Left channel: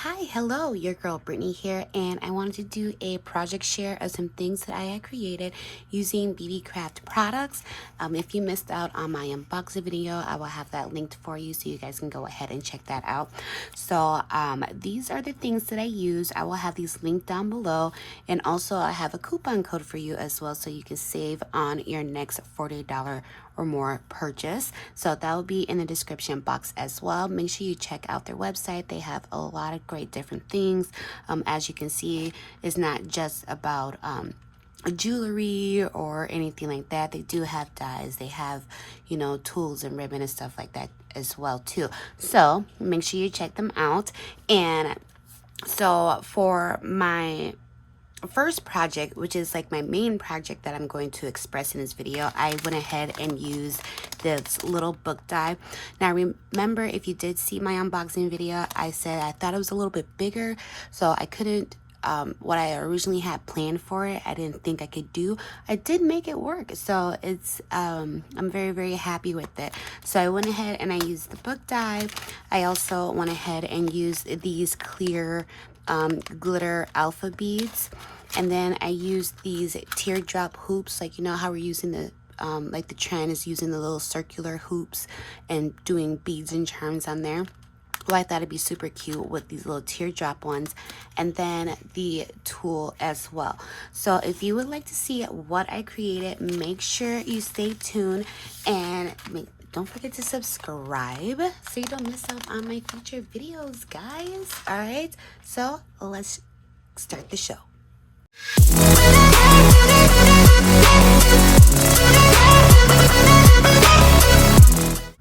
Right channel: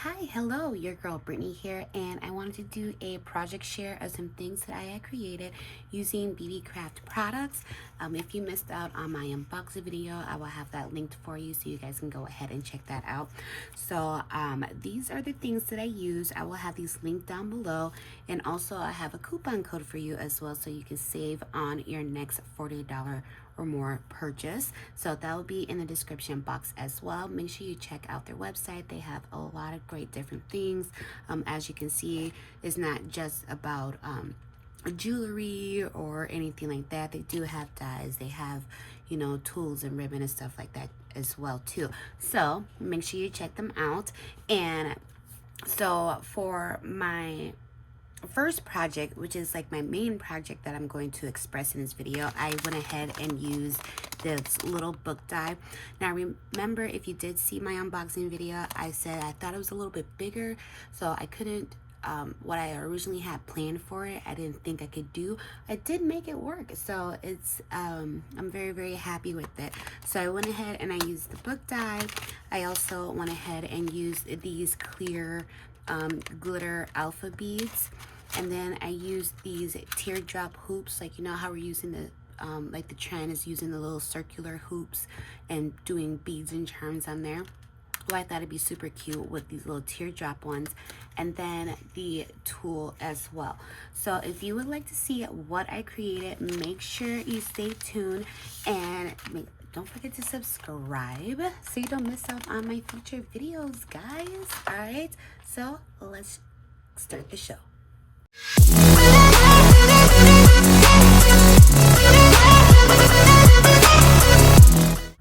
Hi, hello, your girl Brittany here, and I wanted to do a project share of some things that I had created using BeeBeeCraft products. If you missed out on my unboxing video, I will have that linked for you so you guys can go ahead and check that out. So these are the things that I use. I will have these linked down below, and also I have a coupon code for you as well so you can save on your next $40 or more purchase. So that will be in the description box as well. Make sure you check out their website. They have a lot of great different things. As you can see, it's not just about jewelry or anything like that. They do have dyes. They have, you know, tools and ribbon and stuff like that as well too. So make sure you check them out. And so for my first project, which is like my main project that I'm going to express in this video, I went ahead and used this little book die. Now remember, if you did see my unboxing video, I said I thought it was a little bit bigger, so I couldn't what I originally had planned for it, I didn't think I could do. I did make it work, so it's I'm very happy with it. So I went ahead and I used the book die. I also went ahead and used these clear glitter alpha beads, and then I used these teardrop hoops, like you know how we're using the like the trend is using the little circular hoops and doing beads and charms on there. Well, I thought it'd be super cute with these little teardrop ones, and then the tulle as well. So if you would like to see what I created, make sure you stay tuned, and don't forget to subscribe so you don't miss out on my future videos, guys. All right, so let's start the show.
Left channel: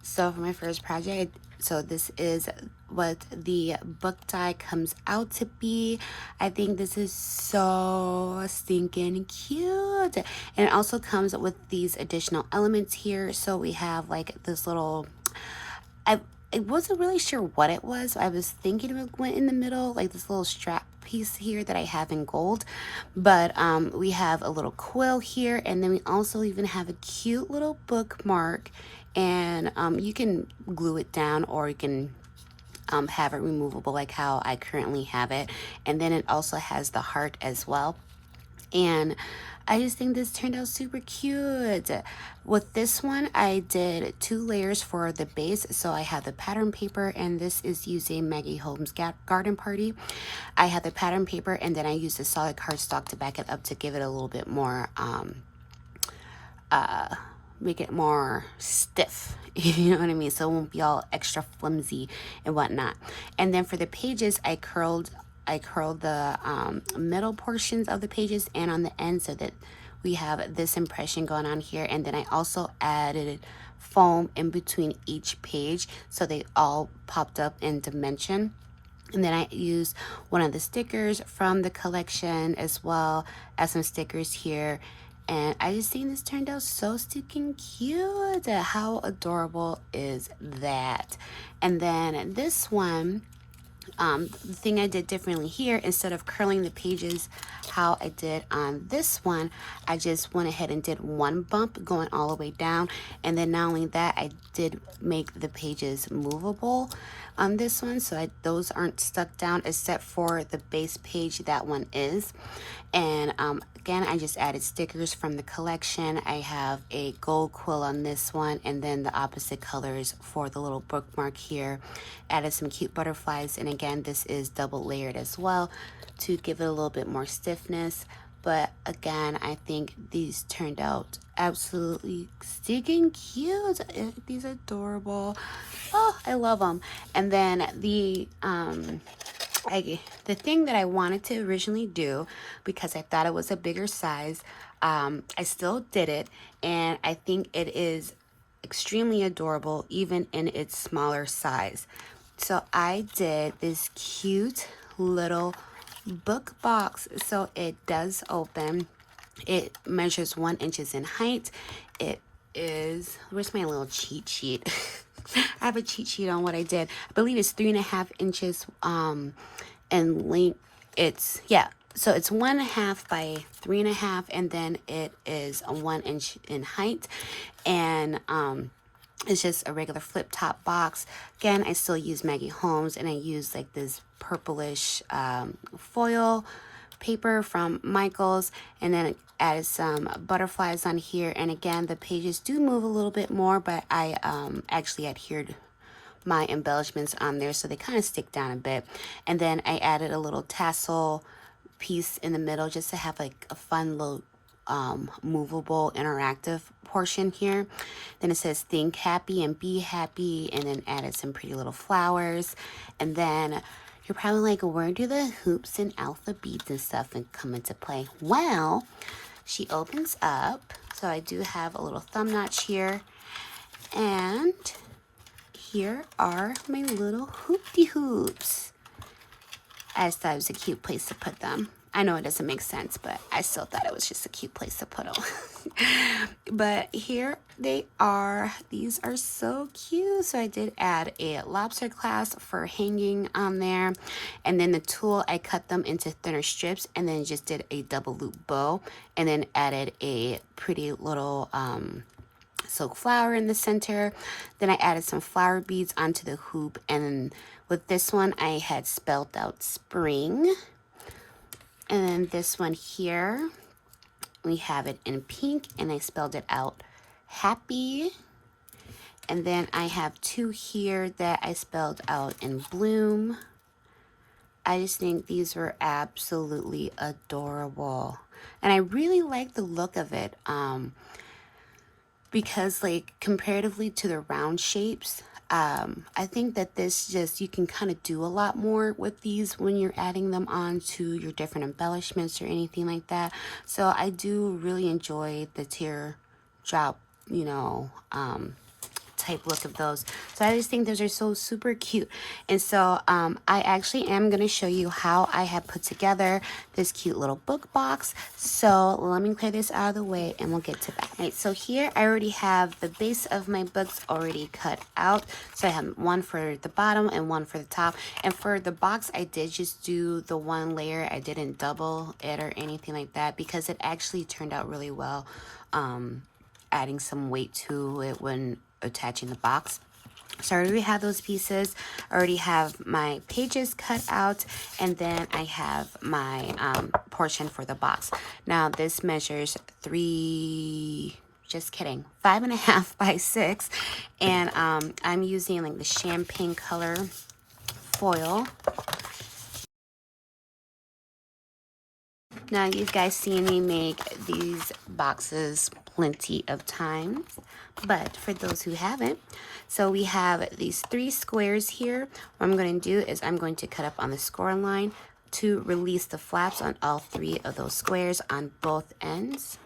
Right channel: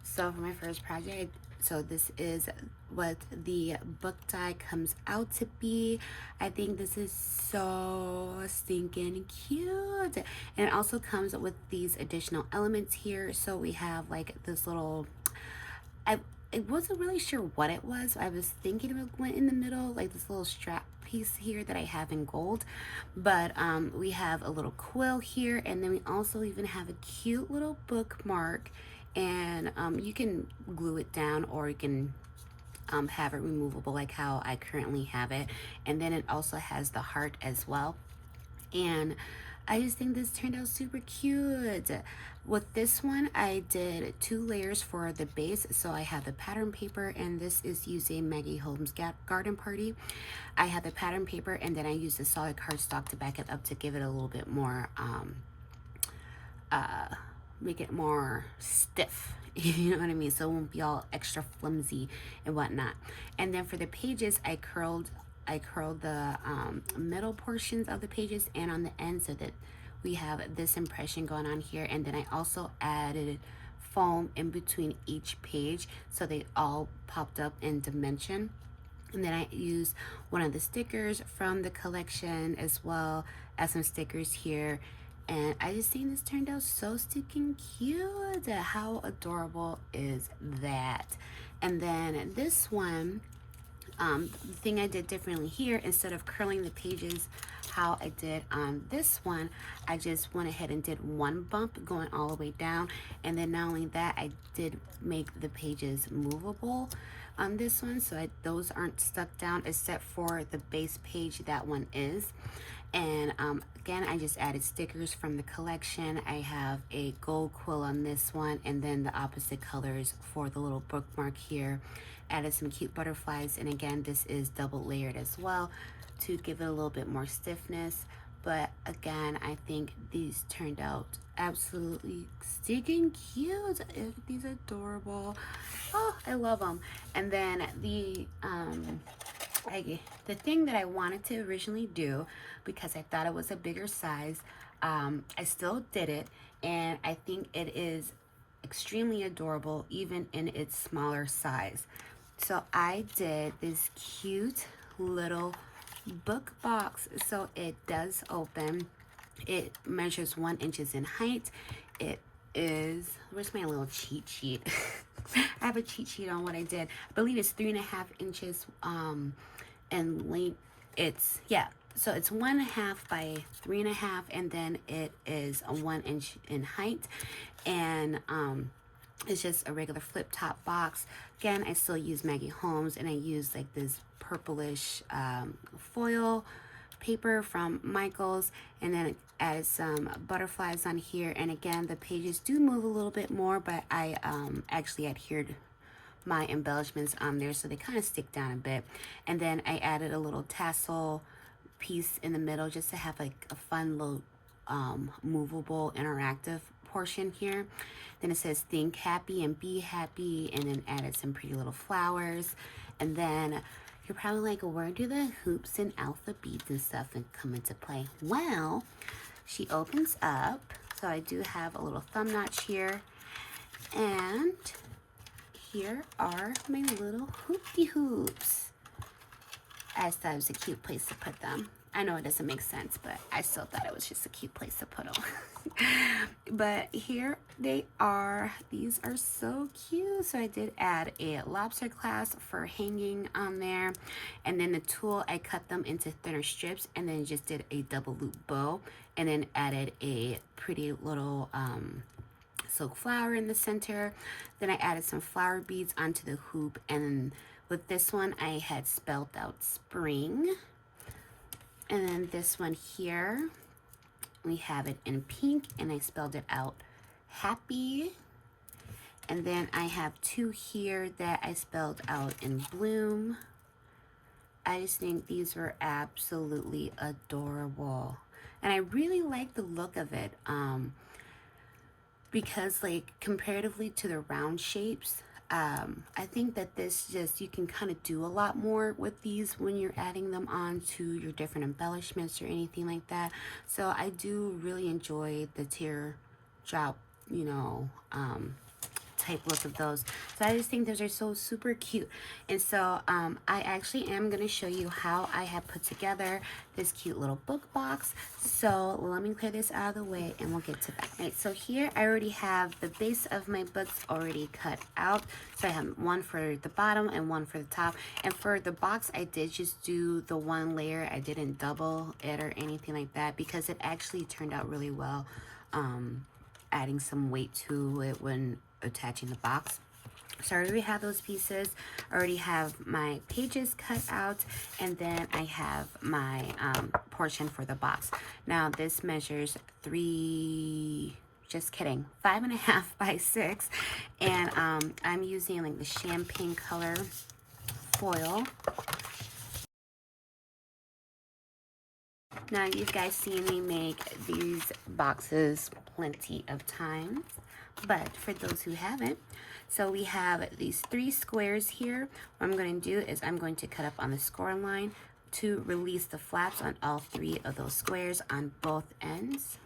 So for my first project, so this is what the book die comes out to be. I think this is so stinking cute, and it also comes with these additional elements here. So we have like this little, I wasn't really sure what it was. I was thinking it went in the middle, like this little strap piece here that I have in gold, but we have a little quill here, and then we also even have a cute little bookmark, and you can glue it down, or you can have it removable like how I currently have it. And then it also has the heart as well, and I just think this turned out super cute. With this one, I did 2 layers for the base. So I have the pattern paper, and this is using Maggie Holmes' Garden Party. I have the pattern paper, and then I used the solid cardstock to back it up to give it a little bit more make it more stiff, you know what I mean, so it won't be all extra flimsy and whatnot. And then for the pages, I curled the middle portions of the pages and on the end, so that we have this impression going on here. And then I also added foam in between each page so they all popped up in dimension. And then I used one of the stickers from the collection as well as some stickers here. And I just think this turned out so stinking cute. How adorable is that? And then this one, the thing I did differently here, instead of curling the pages how I did on this one, I just went ahead and did one bump going all the way down. And then not only that, I did make the pages movable on this one, so those aren't stuck down, except for the base page. That one is. And again, I just added stickers from the collection. I have a gold quill on this one, and then the opposite colors for the little bookmark here. Added some cute butterflies, and again, this is double layered as well to give it a little bit more stiffness. But again, I think these turned out absolutely stinking cute. These are adorable. Oh, I love them. And then the thing that I wanted to originally do, because I thought it was a bigger size, I still did it, and I think it is extremely adorable even in its smaller size. So I did this cute little book box. So it does open. It measures 1 inch in height. It is, where's my little cheat sheet? I have a cheat sheet on what I did. I believe it's 3.5 inches in length. It's, yeah, so it's 1.5 by 3.5, and then it is a 1 inch in height. And It's just a regular flip top box. Again, I still use Maggie Holmes, and I use like this purplish foil paper from Michaels, and then it added some butterflies on here. And again, the pages do move a little bit more, but I actually adhered my embellishments on there so they kind of stick down a bit. And then I added a little tassel piece in the middle just to have like a fun little movable interactive portion here. Then it says think happy and be happy, and then added some pretty little flowers. And then you're probably like, where do the hoops and alpha beads and stuff come into play? Well, she opens up, so I do have a little thumb notch here, and here are my little hoopty hoops. I just thought it was a cute place to put them. I know it doesn't make sense, but I still thought it was just a cute place to put them. But here they are. These are so cute. So I did add a lobster clasp for hanging on there. And then the tulle, I cut them into thinner strips and then just did a double loop bow. And then added a pretty little silk flower in the center. Then I added some flower beads onto the hoop. And with this one, I had spelled out spring. And then this one here, we have it in pink, and I spelled it out happy. And then I have two here that I spelled out in bloom. I just think these were absolutely adorable. And I really like the look of it because like comparatively to the round shapes, I think that this just, you can kind of do a lot more with these when you're adding them on to your different embellishments or anything like that. So I do really enjoy the teardrop, you know, type look of those. So I just think those are so super cute. And so I actually am going to show you how I have put together this cute little book box. So let me clear this out of the way and we'll get to that. Right, so here I already have the base of my books already cut out. So I have one for the bottom and one for the top. And for the box, I did just do the one layer. I didn't double it or anything like that because it actually turned out really well, adding some weight to it when attaching the box. So I already have those pieces. I already have my pages cut out, and then I have my portion for the box. Now this measures 5.5 by 6, and I'm using like the champagne color foil. Now you guys seen me make these boxes plenty of times, but for those who haven't, so we have these 3 squares here. What I'm going to do is I'm going to cut up on the score line to release the flaps on all 3 of those squares on both ends.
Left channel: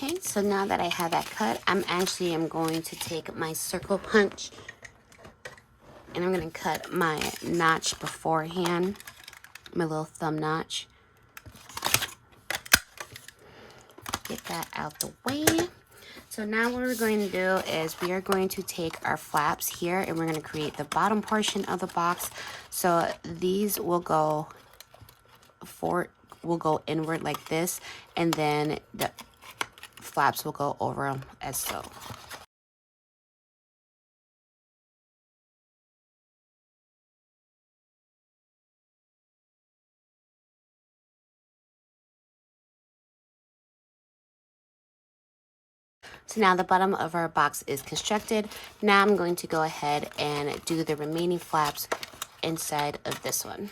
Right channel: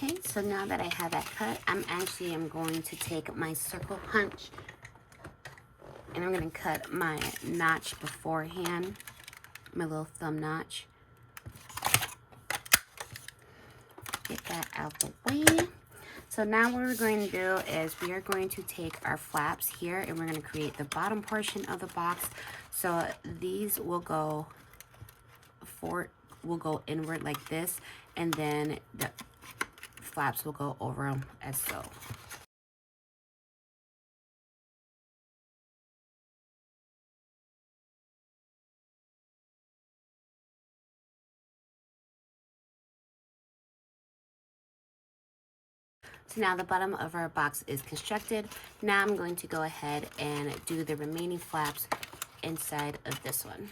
Okay, so now that I have that cut, I'm going to take my circle punch and I'm going to cut my notch beforehand, my little thumb notch. Get that out the way. So now what we're going to do is we are going to take our flaps here and we're going to create the bottom portion of the box. So these will go inward like this, and then the flaps will go over them as so. So now the bottom of our box is constructed. Now I'm going to go ahead and do the remaining flaps inside of this one.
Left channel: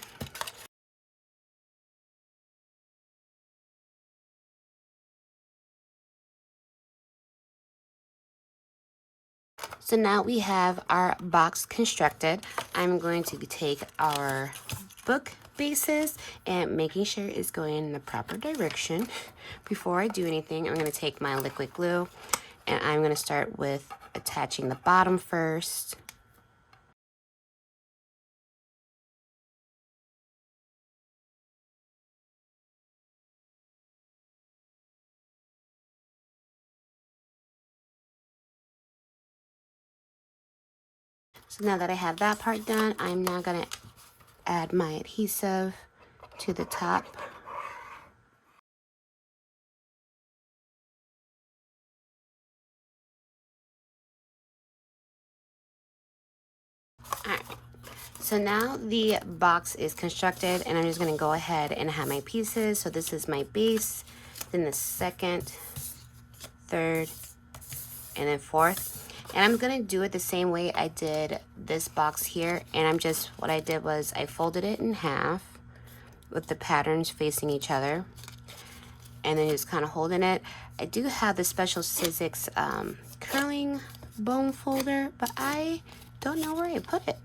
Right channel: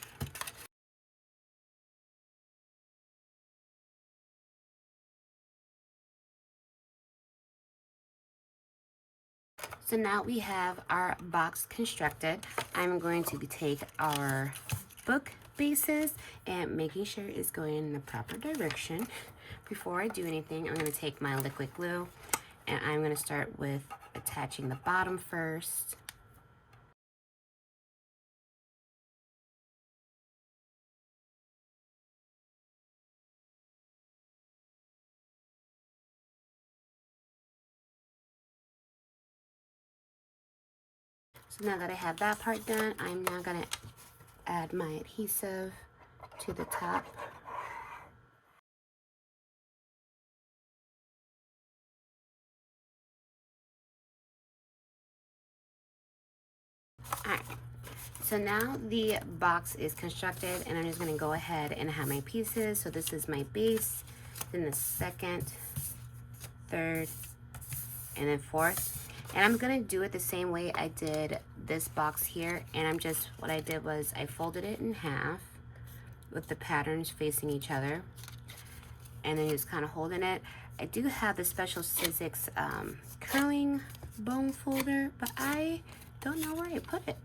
So now we have our box constructed. I'm going to take our book bases and making sure it's going in the proper direction. Before I do anything, I'm going to take my liquid glue and I'm going to start with attaching the bottom first. So now that I have that part done, I'm now going to add my adhesive to the top. Alright, so now the box is constructed, and I'm just going to go ahead and have my pieces. So this is my base, then the second, third, and then fourth. And I'm going to do it the same way I did this box here. And what I did was I folded it in half with the patterns facing each other. And then just kind of holding it. I do have the Special Sizzix curling bone folder, but I don't know where I put it.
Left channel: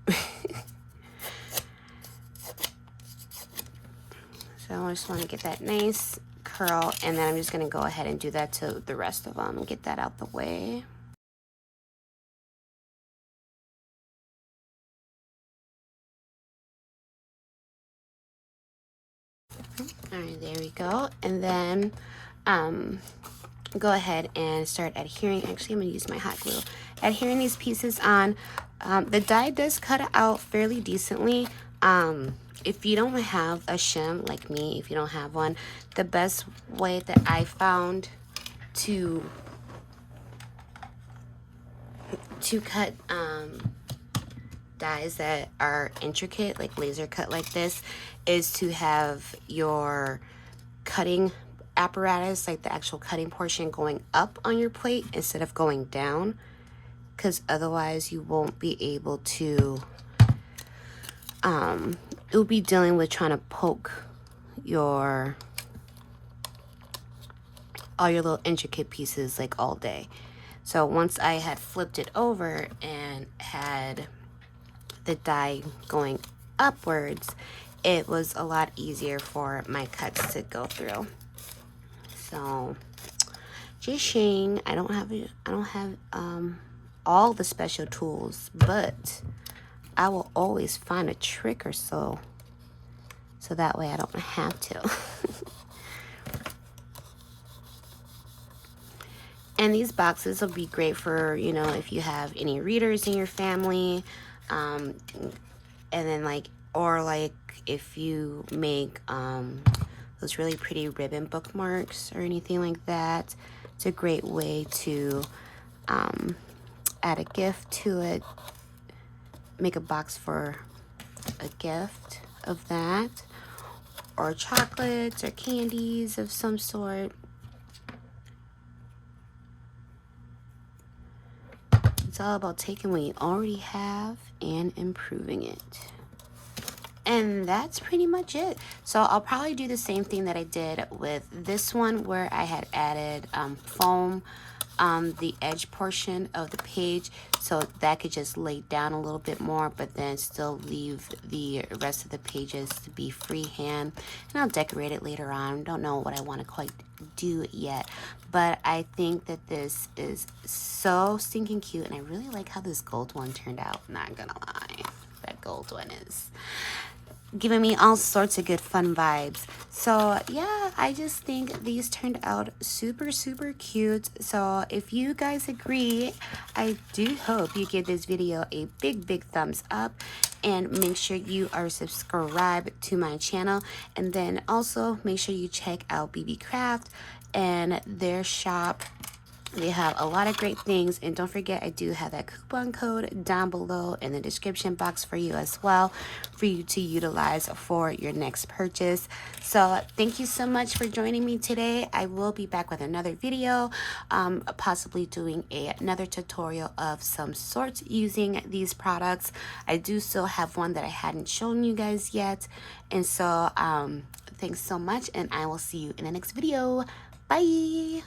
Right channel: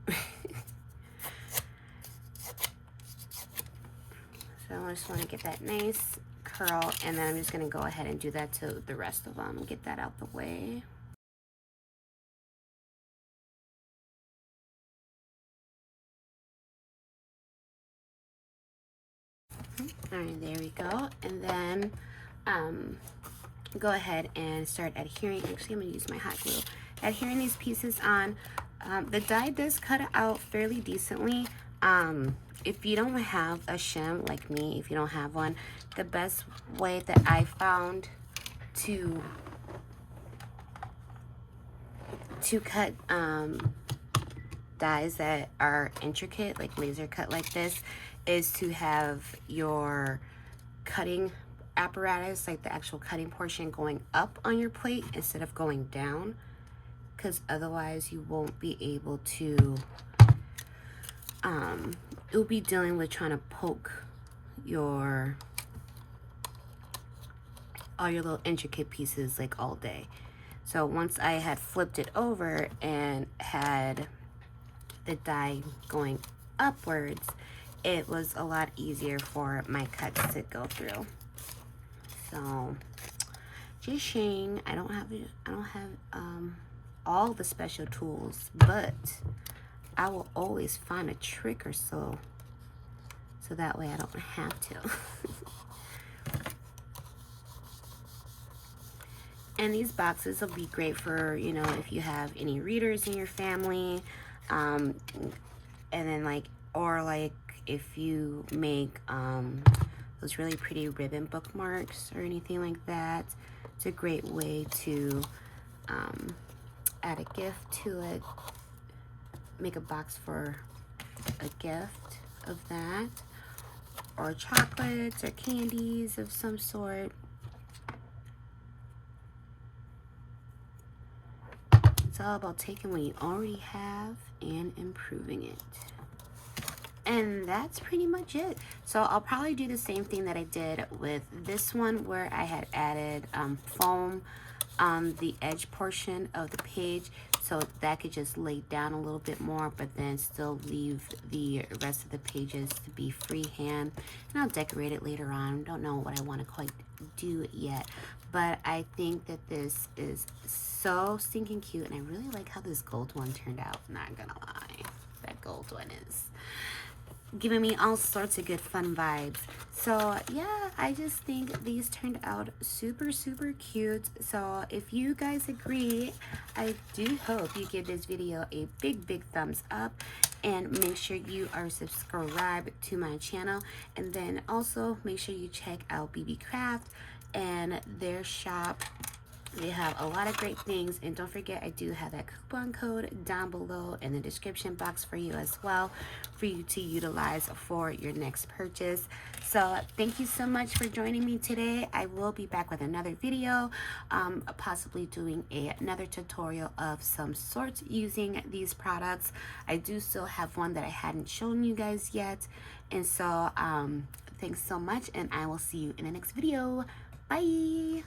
So I just want to get that nice curl, and then I'm just going to go ahead and do that to the rest of them and get that out the way. All right, there we go. And then go ahead and start adhering. Actually, I'm going to use my hot glue. Adhering these pieces on. The die does cut out fairly decently. If you don't have a shim like me, if you don't have one, the best way that I found to cut dies that are intricate, like laser cut like this, is to have your cutting apparatus, like the actual cutting portion, going up on your plate instead of going down, because otherwise you won't be able to you'll be dealing with trying to poke all your little intricate pieces like all day. So once I had flipped it over and had the die going upwards, it was a lot easier for my cuts to go through. So just saying, I don't have all the special tools, but I will always find a trick or so that way I don't have to. And these boxes will be great for, you know, if you have any readers in your family, and then or if you make those really pretty ribbon bookmarks or anything like that. It's a great way to add a gift to it, make a box for a gift of that, or chocolates or candies of some sort. It's all about taking what you already have and improving it. And that's pretty much it. So I'll probably do the same thing that I did with this one, where I had added foam on the edge portion of the page, so that could just lay down a little bit more, but then still leave the rest of the pages to be freehand. And I'll decorate it later on. Don't know what I want to quite do yet, but I think that this is so stinking cute, and I really like how this gold one turned out. Not gonna lie, that gold one is giving me all sorts of good fun vibes. So yeah, I just think these turned out super cute. So if you guys agree, I do hope you give this video a big thumbs up, and make sure you are subscribed to my channel, and then also make sure you check out BeeBeeCraft and their shop. They have a lot of great things, and don't forget, I do have that coupon code down below in the description box for you as well, for you to utilize for your next purchase. So thank you so much for joining me today. I will be back with another video, possibly doing another tutorial of some sort using these products. I do still have one that I hadn't shown you guys yet, and so thanks so much, and I will see you in the next video. Bye.